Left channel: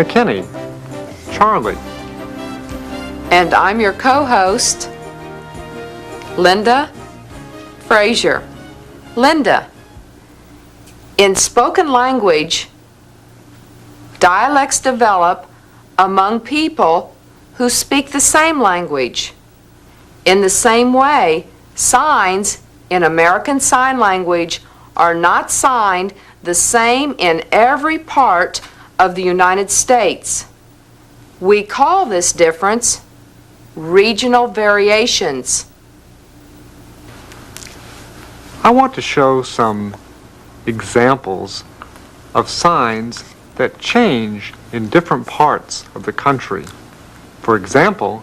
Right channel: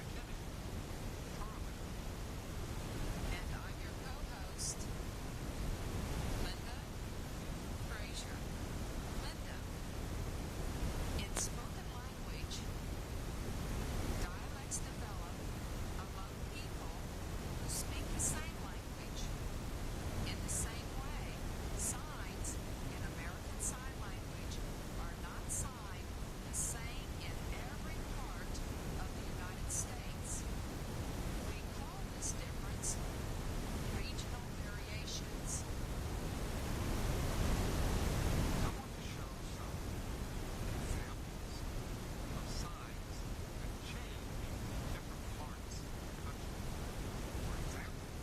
McKinney, Charlie. And I'm your co-host, Linda Frazier. Linda, in spoken language, dialects develop among people who speak the same language. In the same way, signs in American Sign Language are not signed the same in every part of the United States. We call this difference regional variations. I want to show some examples of signs that change in different parts of the country. For example,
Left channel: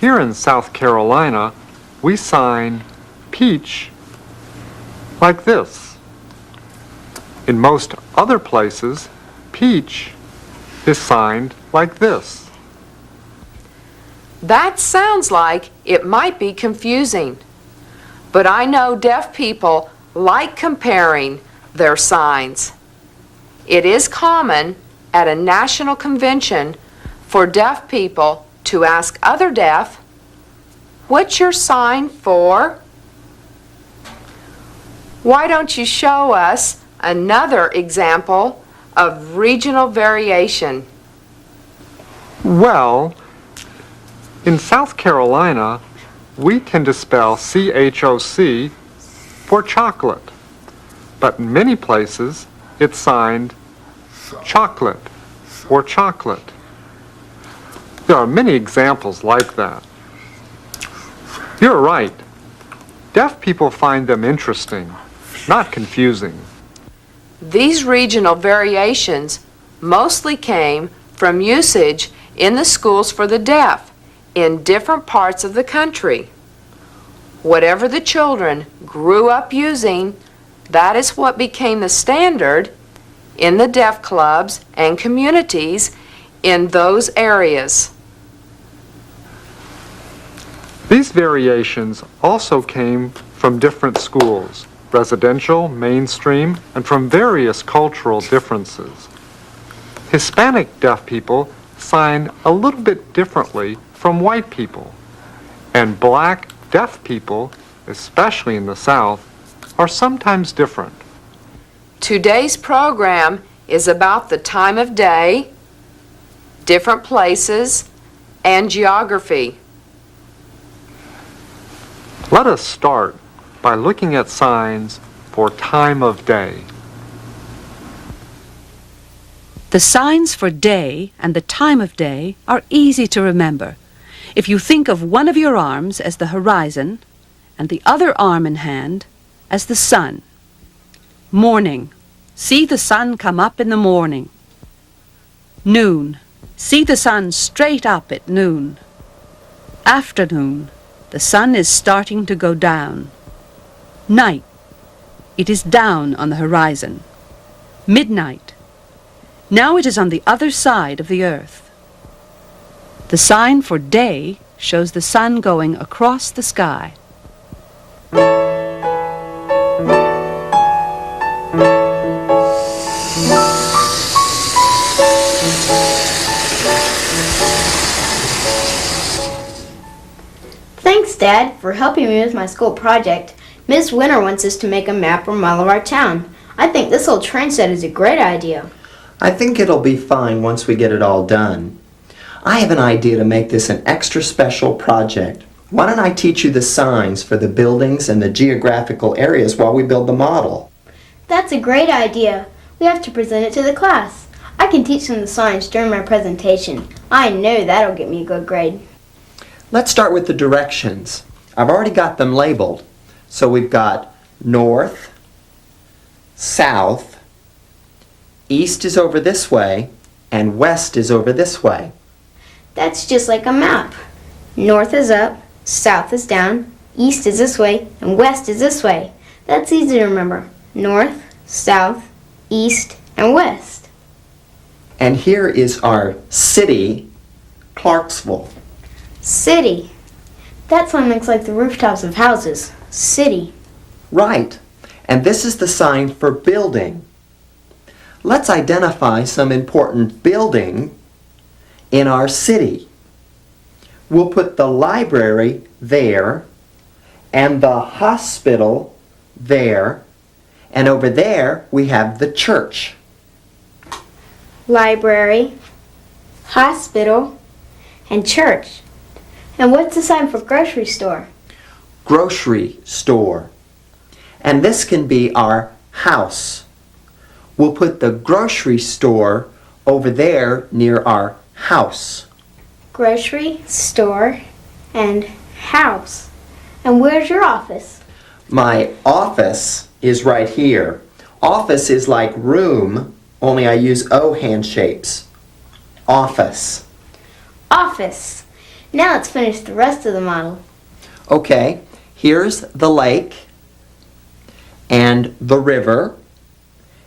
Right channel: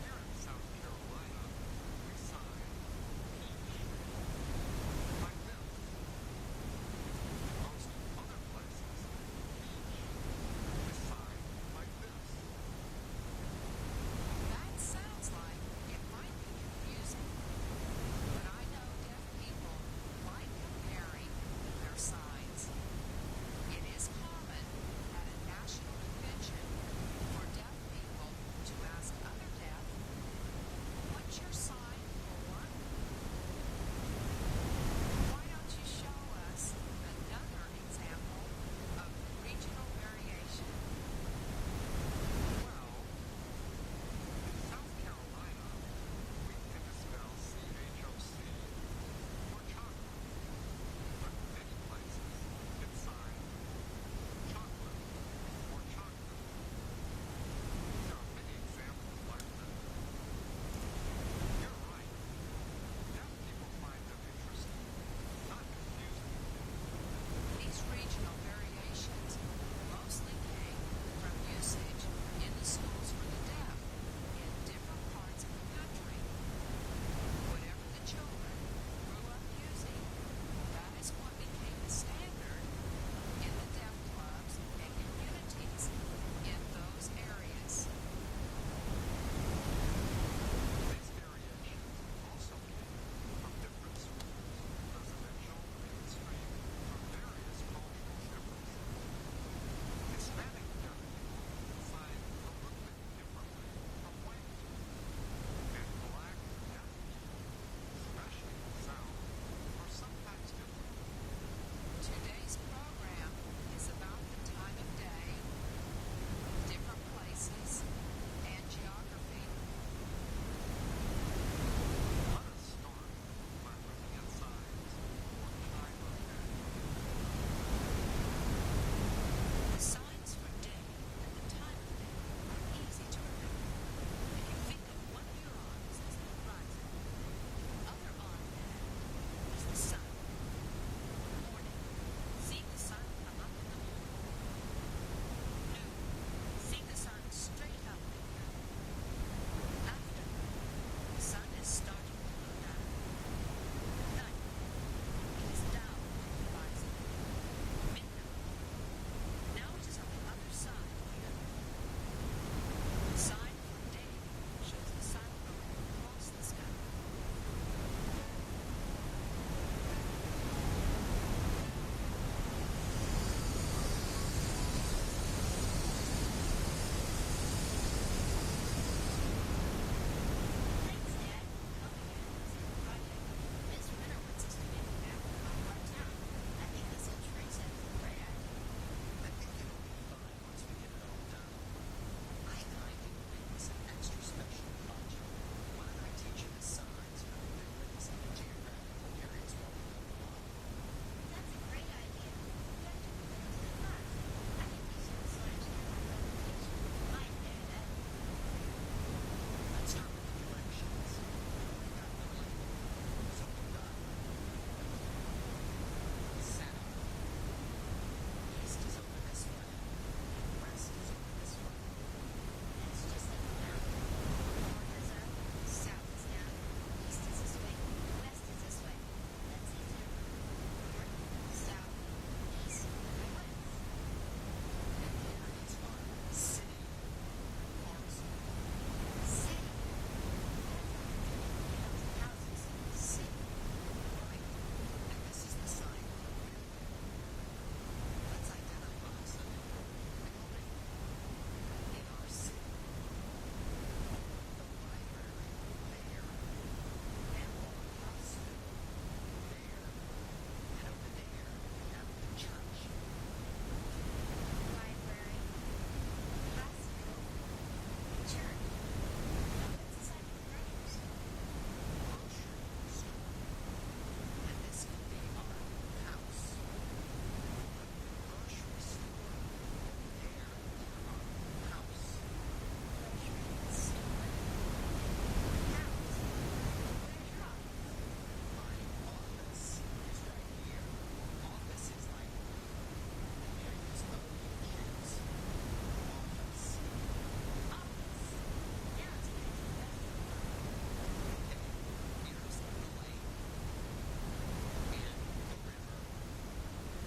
here in South Carolina, we sign peach like this. In most other places, peach is signed like this. That sounds like it might be confusing, but I know deaf people like comparing their signs. It is common at a national convention for deaf people to ask other deaf, "What's your sign for?" Why don't you show us another example of regional variation? Well, in South Carolina, we tend to spell CHOC for chocolate, but in many places it's signed chocolate or chocolate. There are many examples like that. You're right. Deaf people find them interesting, not confusing. These regional variations mostly came from usage in the schools for the deaf in different parts of the country. Whatever the children grew up using, that is what became the standard in the deaf clubs and communities in those areas. These variations also came from different schools, residential, mainstream, and from various cultural differences. Hispanic deaf people sign a little bit differently from white people, and black deaf people, especially in the South, are sometimes different. Today's program is about the time of day, different places, and geography. Let us start by looking at signs for time of day. The signs for day and the time of day are easy to remember. If you think of one of your arms as the horizon and the other arm in hand as the sun. Morning, see the sun come up in the morning. Noon, see the sun straight up at noon. Afternoon, the sun is starting to go down. Night, it is down on the horizon. Midnight, now it is on the other side of the earth. The sign for day shows the sun going across the sky. Thanks, Dad, for helping me with my school project. Miss Winter wants us to make a map or model of our town. I think this little train set is a great idea. I think it'll be fine once we get it all done. I have an idea to make this an extra special project. Why don't I teach you the signs for the buildings and the geographical areas while we build the model? That's a great idea. We have to present it to the class. I can teach them the signs during my presentation. I know that'll get me a good grade. Let's start with the directions. I've already got them labeled. So we've got north, south, east is over this way, and west is over this way. That's just like a map. North is up, south is down, east is this way, and west is this way. That's easy to remember. North, south, east, and west. And here is our city, Clarksville. City. That sign looks like the rooftops of houses. City. Right. And this is the sign for building. Let's identify some important building in our city. We'll put the library there and the hospital there, and over there we have the church. Library, hospital, and church. And what's the sign for grocery store? Grocery store. And this can be our house. We'll put the grocery store over there near our house. Grocery, store, and house. And where's your office? My office is right here. Office is like room, only I use O hand shapes. Office. Office. Now let's finish the rest of the model. Okay, here's the lake and the river,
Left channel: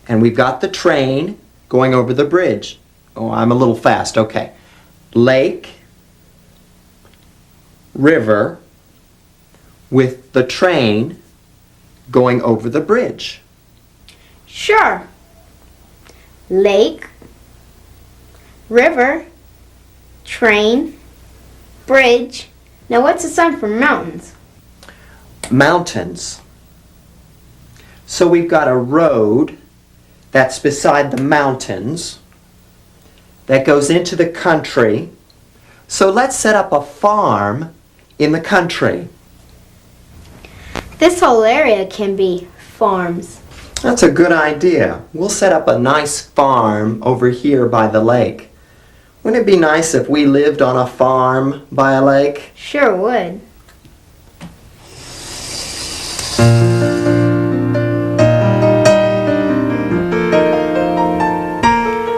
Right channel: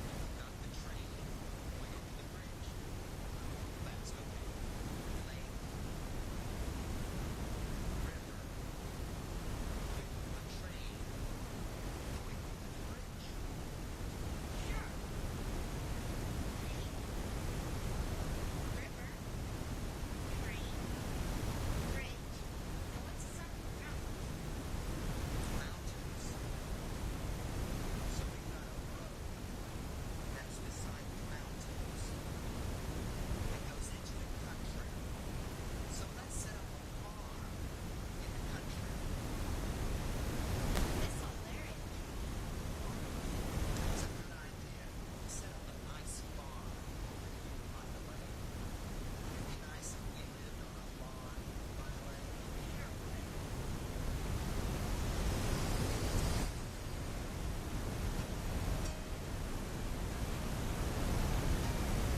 and we've got the train going over the bridge. Oh, I'm a little fast. Okay. Lake, river, with the train going over the bridge. Sure. Lake, river, train, bridge. Now what's the sign for mountains? Mountains. So we've got a road that's beside the mountains that goes into the country. So let's set up a farm in the country. This whole area can be farms. That's a good idea. We'll set up a nice farm over here by the lake. Wouldn't it be nice if we lived on a farm by a lake? Sure would.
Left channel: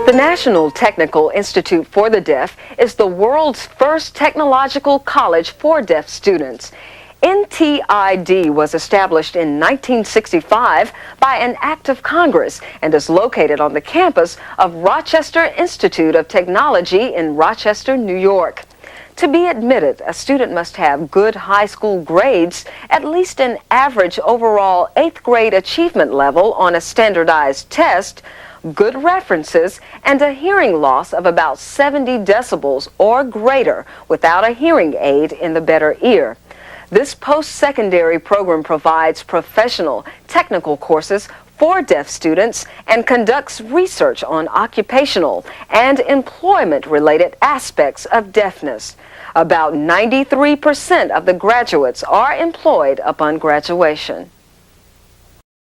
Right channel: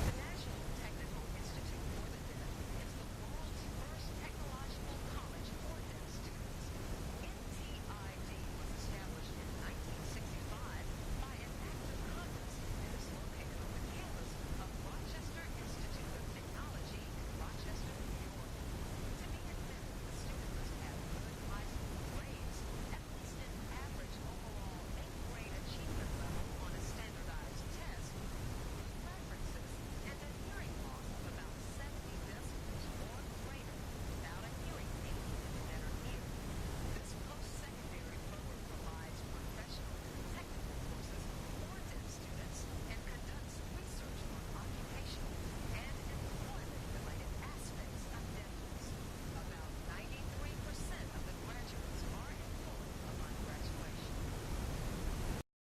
The National Technical Institute for the Deaf is the world's first technological college for deaf students. NTID was established in 1965 by an act of Congress and is located on the campus of Rochester Institute of Technology in Rochester, New York. To be admitted, a student must have good high school grades, at least an average overall 8th grade achievement level on a standardized test, good references, and a hearing loss of about 70 decibels or greater without a hearing aid in the better ear. This post-secondary program provides professional, technical courses for deaf students and conducts research on occupational and employment-related aspects of deafness. About 93% of the graduates are employed upon graduation.